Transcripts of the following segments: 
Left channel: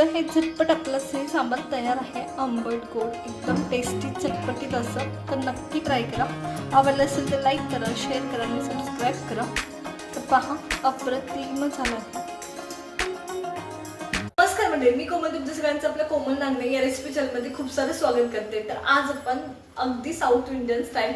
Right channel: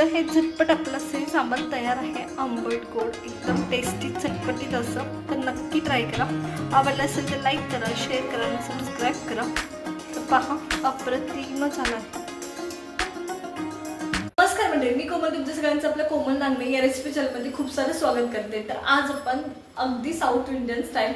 तर हे झटपट आपलं से सांबार तयार आहे. आंबट गोड एकदम टेस्टी चटपटीत असं. तर नक्की ट्राय करा. आवडलं असेल तर लाईक करा शेअर करा आणि सबस्क्राईब करा. तर पहा अप्रतिम झाला आहे. नमस्कार मंडळी मी कोमल तुमच्या सगळ्यांचं आपल्या कोमल नांगणे या रेसिपी चॅनलमध्ये खूप सारं स्वागत करते. तर आज आपण अगदी साऊथ इंडियन स्टाईल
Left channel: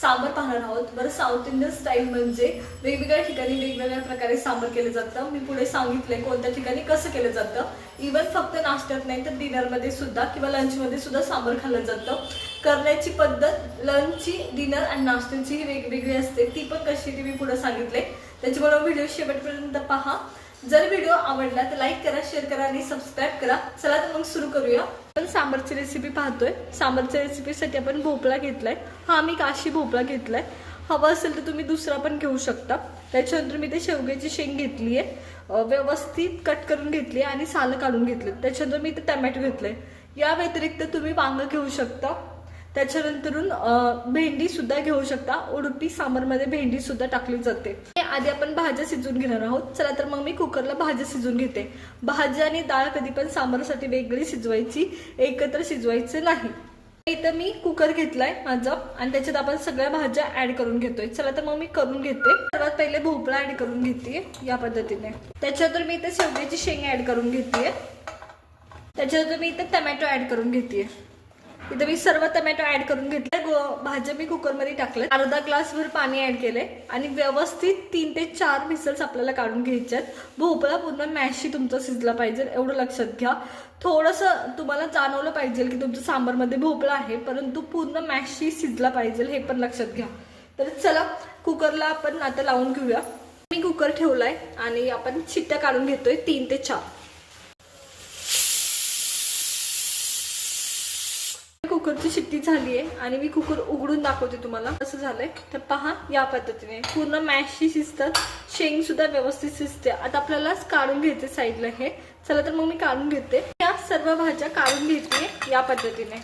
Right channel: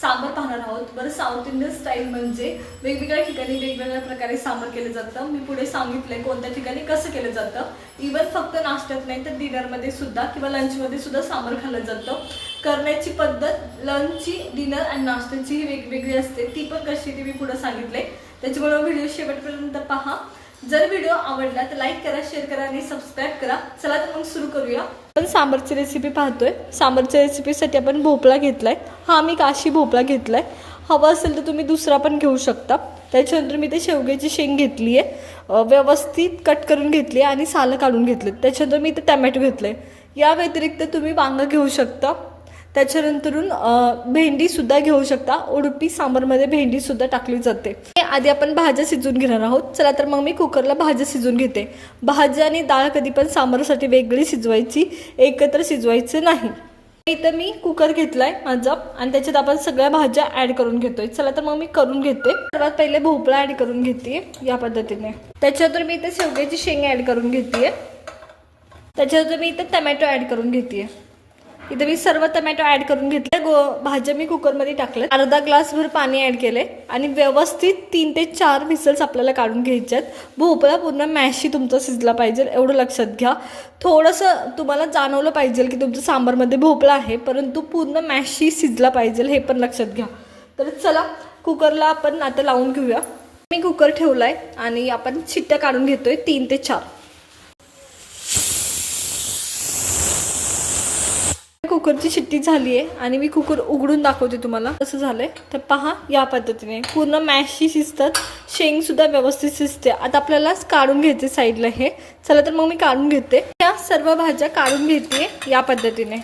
सांबर पाहणार आहोत. बरं साऊथ इंडियन स्टाईल म्हणजे वेगवेगळ्या ठिकाणी वेगवेगळ्या प्रकारे सांबर केलं जातं. मी पुढे सांगितलंय कोणत्या ठिकाणी कसं केलं जातं. इवन फक्त नाश्त्यात नाही तर डिनरमध्ये सुद्धा किंवा लंचमध्ये सुद्धा सांबार खाल्लं जातं. करण्याची पद्धत लंचची डिनर आणि नाश्त्याची ही वेगवेगळी असते. ती पण कशी ती मी पुढे सांगितले त्याच्यामुळे व्हिडिओ शेवटपर्यंत पहा. जर व्हिडिओ आवडला तर लाईक करा शेअर करा आणि सबस्क्राईब करा. चला तर मग सुरू करूया. आपण सांबारची रेसिपी पाहतोय. सांबारच्या रेसिपीसाठी आपण भोपळा घेतलाय. हा मी काशी भोपळा घेतलाय. हवा असेल तर तुम्ही दुसरा पण घेऊ शकता. त्याच्यानंतर मी ते शेवग्याची शेंग घेतली आहे व्यवस्थित कट करून घेतली आहे आणि सालं काढून घेतले त्याच्यानंतर मी ते टमॅटो घेतले या व्यतिरिक्त तुम्ही वांगं घेऊ शकता. त्याच्यानंतरून भेंडीसुद्धा घेऊ शकता. उडपी सांबारमध्ये भेंडीसुद्धा टाकली जाते. हे आधी आपण भाज्या शिजून घेणार आहोत. चला तर मग मी कुकरला भाज्या शिजून घेते. भाज्या आणि डाळ कधी पण सांबारासाठी वेगळी शिजवायची एकत्र शिजवायचं नाही. इथं मी कुकर घेतलाय माझा आणि त्याच्यात आपण सगळ्या भाज्या ऍड करून घेतोय. चला तर मग मी करून घेते. सर्वात पहिले भोपळा ऍड करून घेते या पद्धतीने. त्याच्यानंतर मी इथे शेवग्याची शेंग ऍड करून घेते त्याच्यानंतर मी इथे टमॅटो ऍड करून घेते इथे मी सर्व टमॅटो ऍड करून घेतले गो भाज्या मी कुकरमध्ये टाकले अर्धा ग्लासभर पाणी ऍड केले आणि व्यवस्थित तीन ते चार मिसल्स आपल्याला काढून घ्यायचे आहेत. भोपळा पूर्ण मॅशी तुमचा शिजला पाहिजे एवढं लक्षात घ्या. थोडंसं तुम्हाला जाणवलं पाहिजे की तुमच्या सांबारमध्ये भोपळा आहे परंतु पूर्ण मॅशी शिजला पाहिजे हे पण लक्षात घ्या. तर चला कुकरला आपण आता लावून घेऊया. मी कुकर ठेवलाय आणि आपण शिट्ट्या काढून घेतोय तीन ते चार. कुकरची शिट्टी झाली आहे आणि मी कुकर उघडून दाखवते तुम्हाला. कसं झालंय? तर पहा या पद्धतीने. पूर्ण मॅशशी शिजतात. शेंग सुद्धा व्यवस्थित शिजते. आता आपल्याला काढून घ्यायचे साईडला हे. चला तर मग मी काढून घेते. या सर्व भाज्या काढून घेते या पद्धतीने.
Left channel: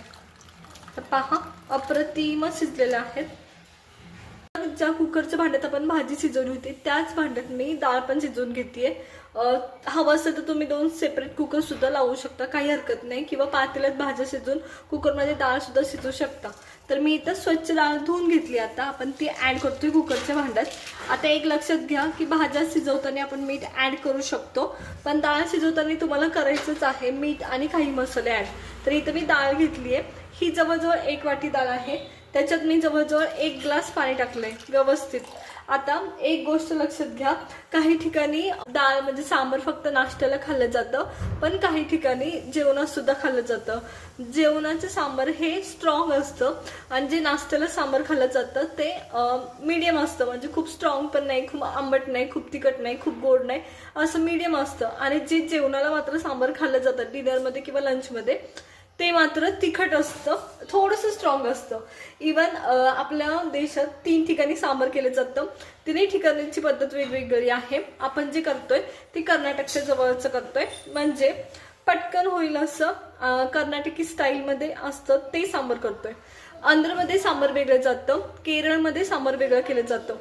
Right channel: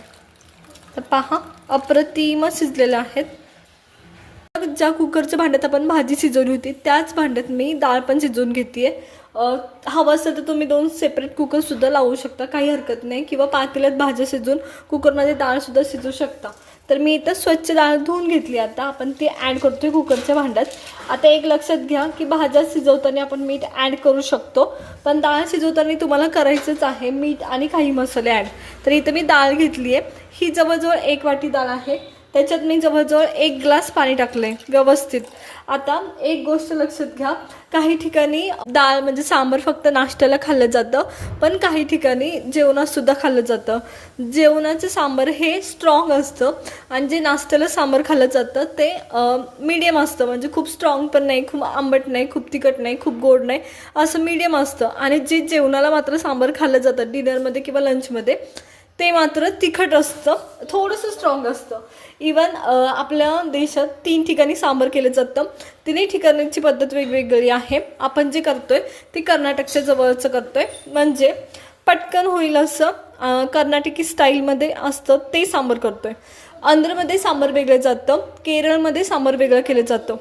तर पहा अप्रतिम शिजलेल्या आहेत. ज्या कुकरच्या भांड्यात आपण भाजी शिजवली होती त्याच भांड्यात मी डाळ पण शिजवून घेते हवं असेल तर तुम्ही दोन सेपरेट कुकरसुद्धा लावू शकता. काही हरकत नाही. किंवा पातेल्यात भाज्या शिजवून कुकरमध्ये डाळसुद्धा शिजू शिजवू शकता. तर मी इथं स्वच्छ डाळ धुवून घेतली आता. आपण ती ॲड करतोय कुकरच्या भांड्यात. आता एक लक्षात घ्या की भाज्या शिजवताना आपण मीठ ॲड करू शकतो. पण डाळ शिजवताना तुम्हाला करायचंच आहे. मीठ आणि काही मसाले ॲड तर इथं मी डाळ घेतली आहे ही जवळजवळ एक वाटी डाळ आहे. त्याच्यात मी जवळजवळ एक ग्लास पाणी टाकलंय व्यवस्थित. आता एक गोष्ट लक्षात घ्या काही ठिकाणी डाळ म्हणजे सांबर फक्त नाश्त्याला खाल्लं जातं पण काही ठिकाणी जेवणात सुद्धा खाल्लं जातं. जेवणाचं सांबर हे स्ट्रॉंग असतं आणि जे नाश्त्याला सांबर खाल्लं जातं ते मीडियम असतं. म्हणजे खूप स्ट्रॉंग पण नाही खूप आंबट नाही खूप तिखट नाही खूप गोड नाही असं मीडियम असतं. आणि जे जेवणाला मात्र सांबर खाल्लं जातं डिनरमध्ये किंवा लंचमध्ये ते मात्र तिखट असतं थोडंसं स्ट्रॉंग असतं. इवन आपल्या देशात तीन ठिकाणी सांबर केलं जातं. तिन्ही ठिकाणची पद्धत वेगवेगळी आहे. आपण जे करतोय ते कर्नाटकच्या जवळचं करतोय. म्हणजे पटकन होईल असं कर्नाटकी स्टाईलमध्ये असतं ते सांबर करतोय. आंध्रमध्ये सांबर वेगळं जातं. केरळमध्ये सांबर वेगळं केलं जातं.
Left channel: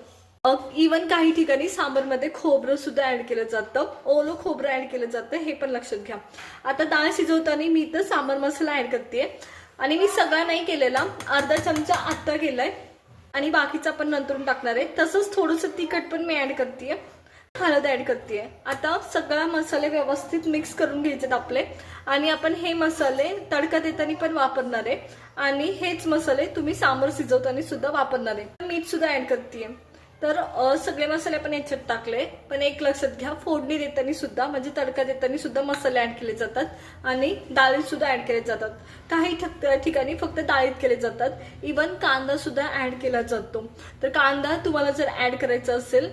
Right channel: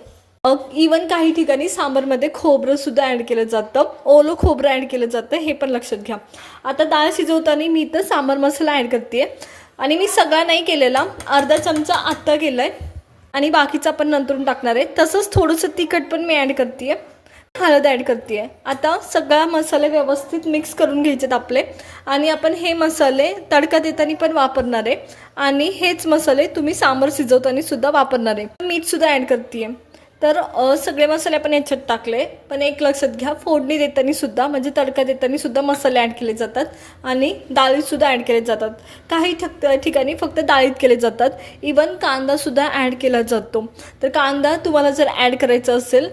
इवन काही ठिकाणी सांबरमध्ये खोबरं सुद्धा ॲड केलं जातं. ओलं खोबरं ॲड केलं जातं हे पण लक्षात घ्या. आता डाळ शिजवताना मी तर सांबर मसाला ॲड करते आणि मी सगळा नाही केलेला अर्धा चमचा आत्ता केला आहे आणि बाकीचा पण नंतरून टाकणार आहे. तसंच थोडंसं तिखट पण मी ॲड करते हळद ॲड करते आता सगळा मसाले व्यवस्थित मिक्स करून घ्यायचेत आपले. आणि आपण हे मसाले तडका देताना पण वापरणार आहे. आणि हेच मसाले तुम्ही सांबर शिजवताना सुद्धा वापरणार आहे. मीठसुद्धा ॲड करते आहे तर सगळे मसाले आपण याच्यात टाकले. पण एक लक्षात घ्या फोडणी देताना सुद्धा म्हणजे तडका देताना सुद्धा मसाले ॲड केले जातात आणि डाळीतसुद्धा ॲड केले जातात. काही ठिक ठिकाणी फक्त डाळीत केले जातात. इवन कांदासुद्धा ॲड केला जातो. तर कांदा तुम्हाला जर ॲड करायचा असेल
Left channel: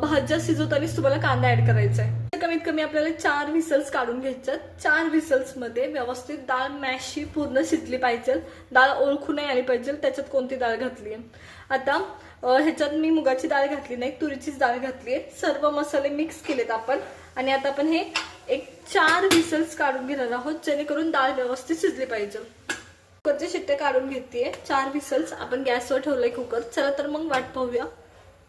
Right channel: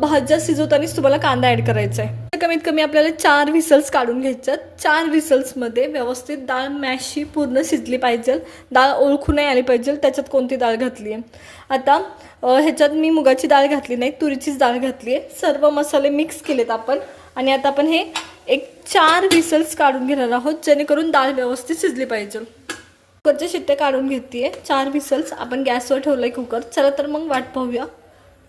भाज्या शिजवतानाच तुम्हाला कांदा ॲड करायचा आहे. कमीत कमी आपल्याला चार व्हिसल्स काढून घ्यायच्यात चार व्हिसल्समध्ये व्यवस्थित डाळ मॅशी पूर्ण शिजली पाहिजे. डाळ ओळखू नाही आली पाहिजे. त्याच्यात कोणती डाळ घातली आहे आता ह्याच्यात मी मुगाची डाळ घातली नाही तुरीचीच डाळ घातली आहे. सर्व मसाले मिक्स केलेत आपण. आणि आता आपण हे एक चार विसल्स काढून घेणार आहोत जेणेकरून डाळ व्यवस्थित शिजली पाहिजे. कुकरचे शिट्टे काढून घेते चार विसल्स आपण गॅसवर ठेवलंय कुकर. चला तर मग वाट पाहूया.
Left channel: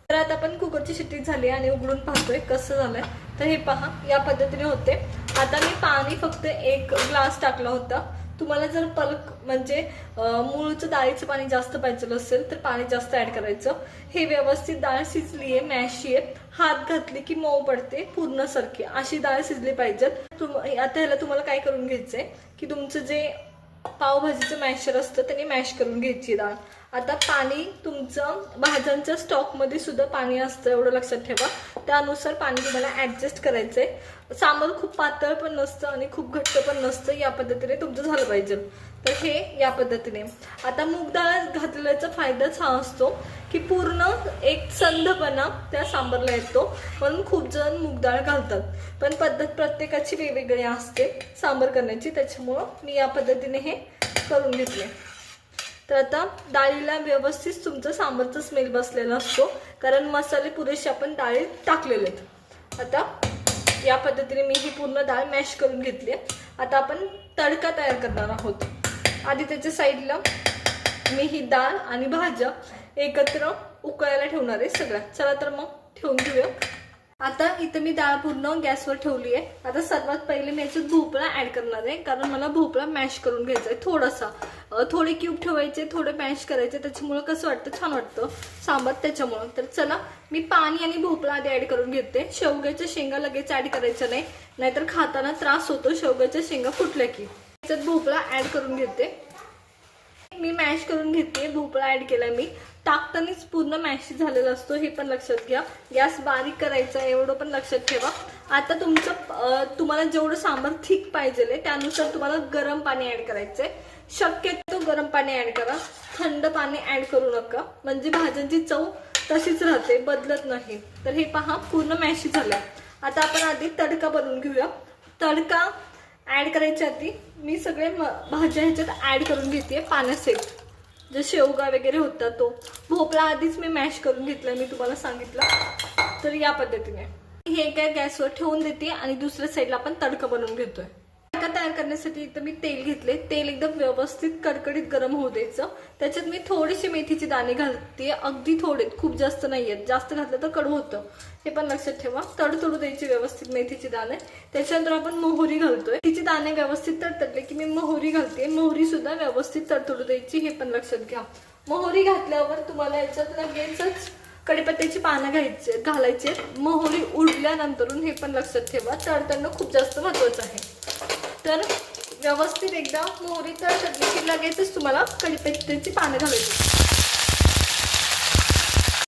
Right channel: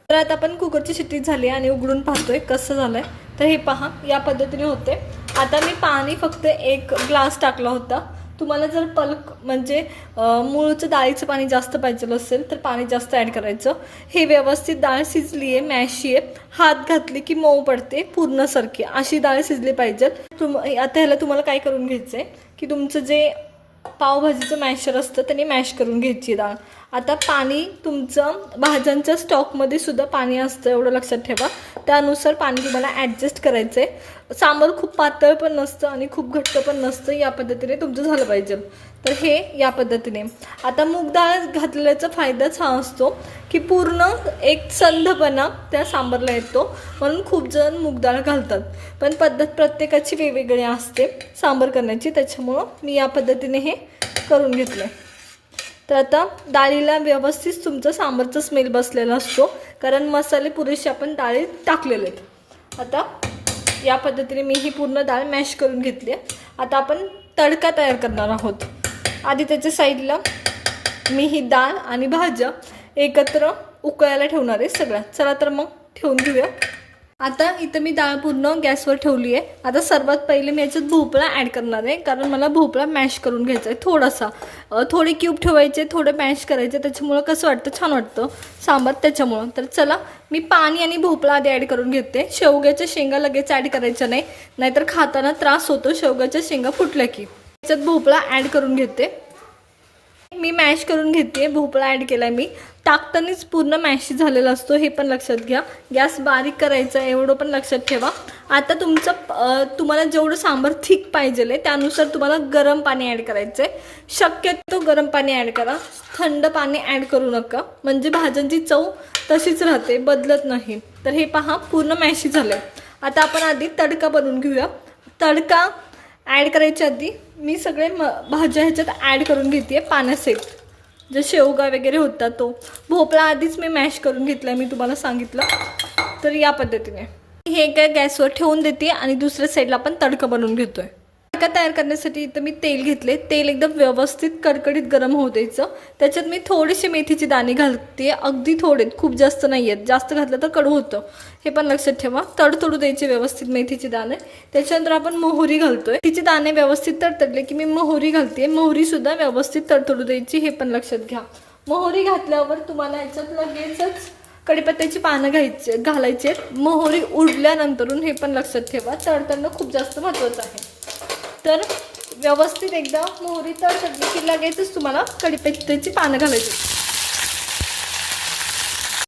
तर आता आपण कुकरची शिट्टी झाली आणि उघडून पाहतोय कसं झालंय. तर हे पहा या पद्धतीने होते. आता मी पाणी फक्त एक ग्लास टाकला होता. तुम्हाला जर पलक म्हणजे मूळचं डाळीचं पाणी जास्त पाहिजे असेल तर पाणी जास्त ॲड करायचं. हे व्यवस्थित डाळ शिजली आहे मॅशी आहे. हात घातली की मऊ पडते पूर्णसारखी अशी डाळ शिजली पाहिजे तुम आता ह्याला तुम्हाला काय करून घ्यायचं आहे की तुमचं जे पावभाजीचं मॅशर असतं त्याने मॅश करून घ्यायची डाळ. आता पाणी तुमचं भाज्यांच्या स्टॉकमध्ये सुद्धा पाणी असतं एवढं लक्षात ठेवा. त्यानुसार पाणी तुम्हाला ॲडजस्ट करायचं आहे सांबार खूप पातळ पण नसतं आणि खूप घट्ट पण नसतं या पद्धतीने तुमचं झालं पाहिजे. तर हे या पद्धतीने. आता मूग डाळ घातल्याचा फायदाच हा असतो की पूर्ण एक संधपणा त्या सांबरला येतो. म्हणून खूप जण मूग डाळ घालतात. पण पद्धत प्रत्येकाची वेगवेगळी असते सांबार करण्याची. त्याच्यामुळं मी या पद्धतीने हे करून घेतले. तर आता डाळीला व्यवस्थित तुमचं सांबारचा स्मेल बसलेला असतो. कारण मसाले पुरेसे आपण डाळीत टाकलेले आहेत. आता या पद्धतीने मी ही पूर्ण डाळ मॅश करून घेतली आहे. आता आपण तडका तयार करणार आहोत. आधी त्याच्या साईडला मी ही डाळ आणि भाज्या एकत्र उकळायला ठेवणार आहे सगळ्या चला तर मग ठेवून घेऊया. आता इथं मी डाळ पूर्ण गॅसवर ठेवली आहे. आता सर्वात पहिले मी याच्यात भोपळा ॲड करणार आहे. कारण मला भोपळा मॅश करून घ्यायचा आहे थोडासा. थोडे क्यूब ठेवायचे थोडे मॅश करायचे. त्याच्यामुळं कसं वाटतं? छान वाटतं. सांबार त्याच्यामुळं. तर चला मी पाणी आणि भोपळा आधी ॲड करून घेते. शेवग्याच्या शेंगा लगेच ॲड करायच्या नाही. नाहीतर खाताना त्रास होतो. शेवग्याच्या शेंगा फुटल्या की. त्याच्यात भोपळा ॲड करून घेते. मी मॅश करून घेते. भोपळा ॲड केला आहे मी. टाकतानाच पूर्ण मॅश झालेला असतो हे पण लक्षात घ्या. गॅस बारीक करायचा एवढं पण लक्षात ठेवा. आता तुमचं तुम्हाला जेवढं सांबार थिक पाहिजे आहे त्यानुसार तुम्हाला गरम पाणी ॲड करायचं आहे. शक्यतो गरम पाणी ॲड करा. थंड पाणी ॲड करू नका. म्हणजे भाज्यांची चव तशीच राहते बदलत नाही. तर हे पहा पूर्ण मॅशी झालं आता आपण आधी तडका बनवून घेऊया. तडका ॲड करायच्या आधी मी सगळे म भाज्या ह्याच्यात ॲड करून घेते पाण्यासेट जे शेवगा वगैरे होता तो. भोपळा आधीच मी मॅश करून घेतला मी तुम्हाला सांगितलं. तर या पद्धतीने. हे काय गॅसवर ठेवून देते आणि दुसऱ्या साईडला आपण तडका बनवून घेतो आहे तडका तयार करण्यासाठी इथं मी तेल घेतले तेल एकदम व्यवस्थित कडकडीत गरम होऊ द्यायचं. त्याच्यात मी थोडेसे मेथीचे दाणे घालते. अगदी थोडे खूप जास्त नाही आहेत जास्त घातलं तर कडू होतं. हे पण लक्षात ठेवा. तडतडू द्यायचे व्यवस्थित मेथीचे दाणे. त्याच्यानंतर आपण मोहरी घालतोय. तिचे दाणे व्यवस्थित तडतडले की मी मोहरी घालते. मोहरी सुद्धा व्यवस्थित तडतडू द्यायची. हे पण लक्षात घ्या. मोहरी घातल्यावर तुम्हाला याच्यात लगेचच कडीपत्त्याची पानं घ्यायचे घालायचे मोहरी उडल्यानंतरून हे पण लक्षात ठेवा. तडतडणं खूप जास्त महत्त्वाचं आहे. तर व्यवस्थित एकदा मोहरी तडतडली की लगेचच तुम्हाला कडीपत्त्याची पानं घालायची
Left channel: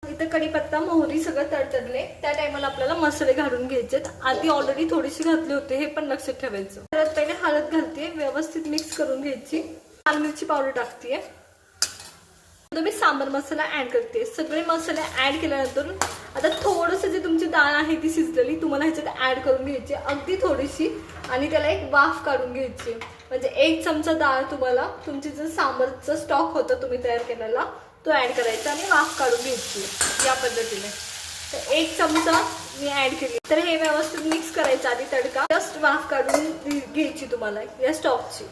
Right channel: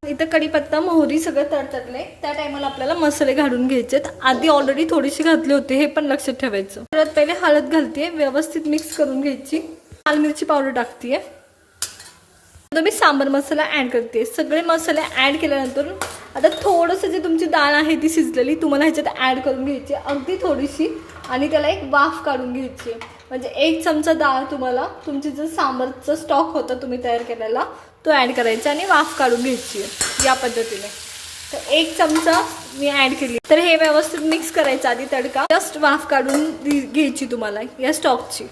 इथं कढीपत्ता मोहरी सगळं तडतडले त्या टायमाला आपल्याला मसाले घालून घ्यायचेत आधी ऑलरेडी थोडीशी घातली होती हे पण लक्षात ठेवायचं. परत पहिले हळद घालते व्यवस्थित मिक्स करून घ्यायची. लाल मिरची पावडर टाकते मी सांबर मसाला ॲड करते. सगळे मसाले ॲड केल्यानंतर आता थोडंसं जे तुमची डाळ आहे ती शिजलेली तुम्हाला ह्याच्यात ॲड करून घ्यायची अगदी थोडीशी. आणि त्याला एक वाफ काढून घ्यायची म्हणजे एक चमचा डाळ तुम्हाला तुमची जो सांबरचा स्टॉक होता तुम्ही तयार केलेला तो ॲड करायचा आणि वाफ काढून घ्यायची या पद्धतीने. तर एक चमचा मी ॲड केली तर हे व्यवस्थित मिक्स करायचं आधी तडका. जस्ट वाफ काढून घ्यायची तुम्हाला या स्टॉकची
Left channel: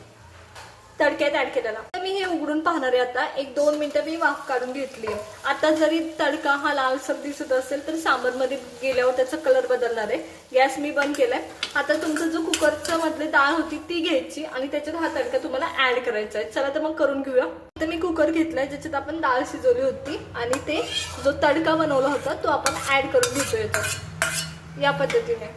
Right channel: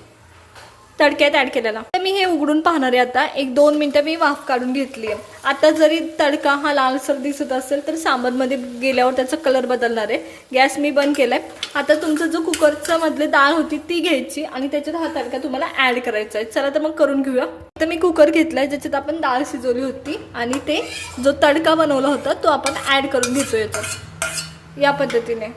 तडक्यात ॲड केलेला. तर मी उघडून पाहणार आहे आता. एक दोन मिनटं मी वाफ काढून घेतली आहे आता जरी तडका हा लालसर दिसत असेल तर सांबरमध्ये गेल्यावर त्याचा कलर बदलणार आहे. गॅस मी बंद केलाय. आता तुमचं जो कुकरच्या मधले डाळ होती ती घ्यायची आणि त्याच्यात हा तडका तुम्हाला ॲड करायचा आहे. चला तर मग करून घेऊया. तर मी कुकर घेतलाय ज्याच्यात आपण डाळ शिजवली होती आणि ते जो तडका बनवला होता तो आपण ॲड करून घेतो येतो या पद्धतीने.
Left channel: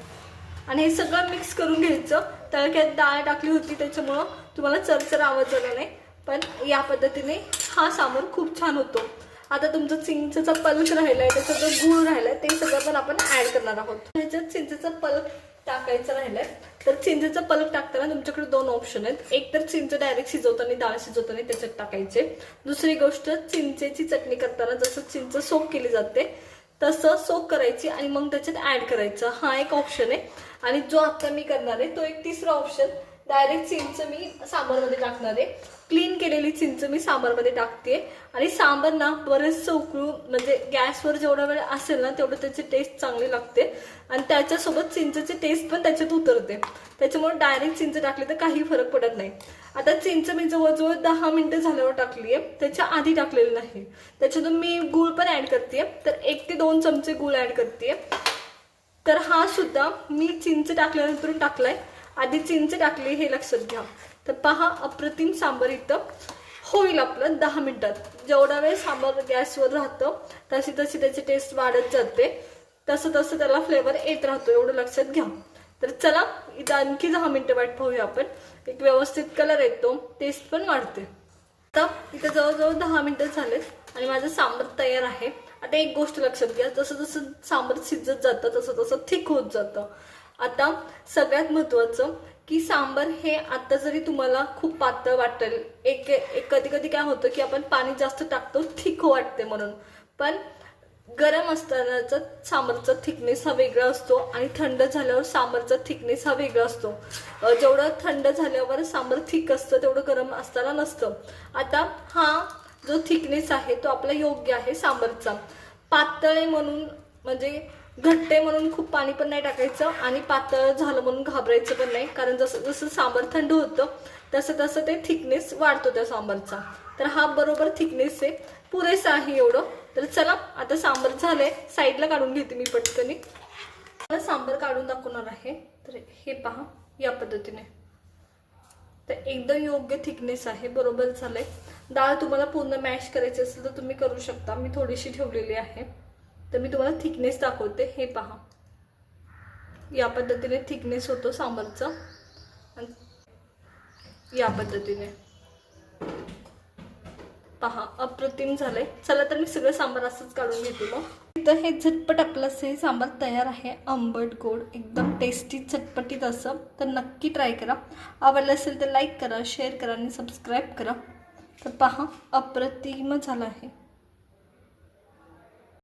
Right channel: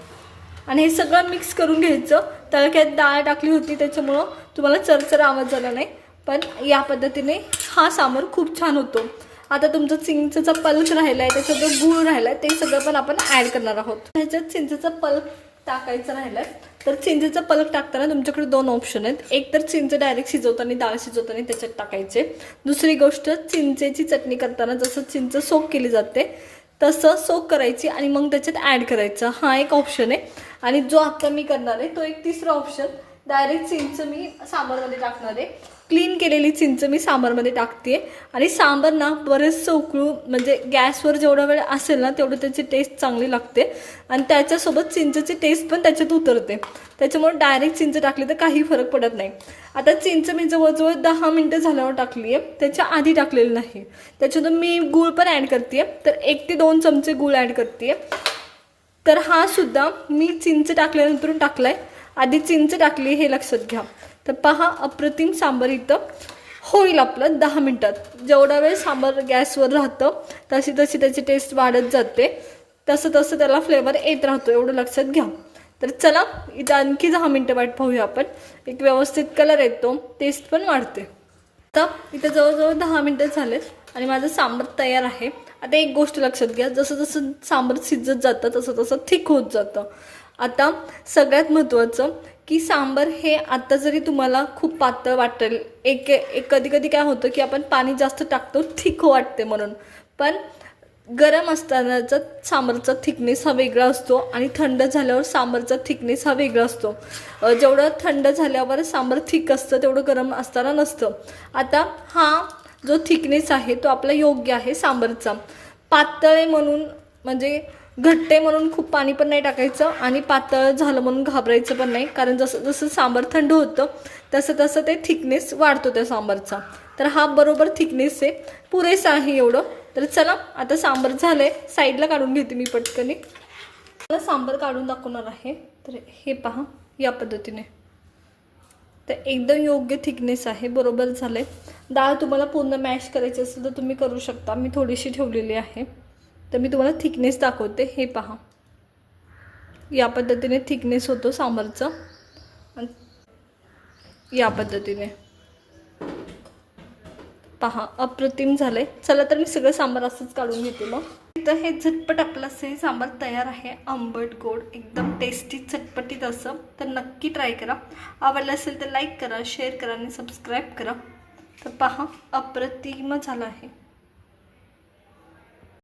आणि हे सगळं मिक्स करून घ्यायचं. तडक्यात डाळ टाकली होती त्याच्यामुळं तुम्हाला चरचर आवाज झाला नाही. पण या पद्धतीने हा सामान खूप छान होतो. आता तुमचं चिंचेचा पल्क राहिला आहे त्याचा जो गूळ राहिला आहे ते सगळं पण आपण ॲड करणार आहोत. ह्याच्यात चिंचेचा पल्क टाकायचं राहिलं तर चिंचेचा पलक टाकताना तुमच्याकडे दोन ऑप्शन आहेत. एक तर चिंच डायरेक्ट शिजवताना डाळ शिजवताना त्याच्यात टाकायचे. दुसरी गोष्ट चिंचेची चटणी करताना जसं चिंच सोक केली जाते तसं सोक करायची आणि मग त्याच्यात ॲड करायचं. हा एक ऑप्शन आहे. आणि जो आता मी करणार आहे तो एक तिसरा ऑप्शन डायरेक्ट चिंच मी सांबारमध्ये टाकणार आहे. क्लीन केलेली चिंच मी सांबारमध्ये टाकते आणि सांबार ना बरेचसं उकळू म्हणजे गॅसवर जेवढा वेळ असेल ना तेवढं त्याची टेस्ट चांगली लागते. आणि त्याच्यासोबत चिंचची टेस्ट पण त्याच्यात उतरते. त्याच्यामुळे डायरेक्ट चिंच टाकली तर काही फरक पडत नाही. आता चिंच मी जवळजवळ दहा मिनटं झाल्यावर टाकली आहे त्याच्या आधी टाकलेलं नाही. त्याच्यातून मी गूळ पण ॲड करते तर एक ते दोन चमचे गूळ ॲड करते तर हा सुद्धा मी चिंच टाकल्यानंतर टाकलाय. आधी चिंच टाकली हे लक्षात घ्या. तर पहा अप्रतिम सांबार इथं होईल आपलं दहा मिनटात. जेवढा वेळ सांबार गॅसवर राहतं तशी तशी त्याची टेस्ट वाढत जाते. तसं तसं त्याला फ्लेवर येत राहतो एवढं लक्षात घ्या. तर चला इथं आणखी दहा मिनटं वाट पाहूया आपण. एक व्यवस्थित कलर येतो टेस्ट पण वाढते. आता इथं जवळजवळ दहा मिनटं झालेत आणि माझं सांबार तयार आहे. आता एक गोष्ट लक्षात घ्या जसं जसं सांबार शिजत जातं तसं तसं थिक होत जातं. आता सगळ्यात महत्त्वाचं की सांबार हे आता जरी तुम्हाला खूप पातळ वाटेल एक एक कधी कधी काय होतं की आपण पाणी जास्त टाकतो थिक वाटते म्हणून. पण गरम असतानाचा सांबारचा थिकनेस हा वेगळा असतो आणि थंड झाल्यावर सांबारचा थिकनेस हा वेगळा असतो. जेवढं थंड झाल्यावर सांबर थिक असतं तेवढं गरम असताना नसतं. आता हा जो थिकनेस आहे तो आपला योग्य आहे सांबारचा. पातळ आहे म्हणून म्हणजे घट्टे म्हणून खूप पाणी पण नाही टाकायचं आणि पातळ झालं म्हणून घाबरायचं पण नाही. कारण जसं जसं सांबार थंड होतं तसं तसं ते थिकनेस वाढतो त्या सांबारचा. तर हा बरोबर थिकनेस आहे. पुरेसा आहे एवढं. तर चला आता सांबार झालं आहे साईडला काढून घेते मी पटकनी मला सांबार काढून दाखवणार आहे. तर हे पहा या पद्धतीने. तर एकदम योग्य थिकनेस आहे. बरोबर झालं आहे डाळ तुम्हाला पूर्ण मॅश करायची असेल तर तुम्ही करू शकता. मी थोडीशी ठेवलेली आहे. तर मी तुम्हाला थिकनेस दाखवते. हे पहा. या पद्धतीने थिकनेस होतो सांबारचा. या पद्धतीने. पहा अप्रतिम झालंय. चला तर मी सगळं सांबार असंच काढून घेते मग. तर हे झटपट आपलं असं हे सांबार तयार आहे. आंबट गोड एकदम टेस्टी चटपटीत असं. तर नक्की ट्राय करा. आवडलं असेल तर लाईक करा शेअर करा आणि सबस्क्राईब करा. तर पहा अप्रतिम झालं आहे.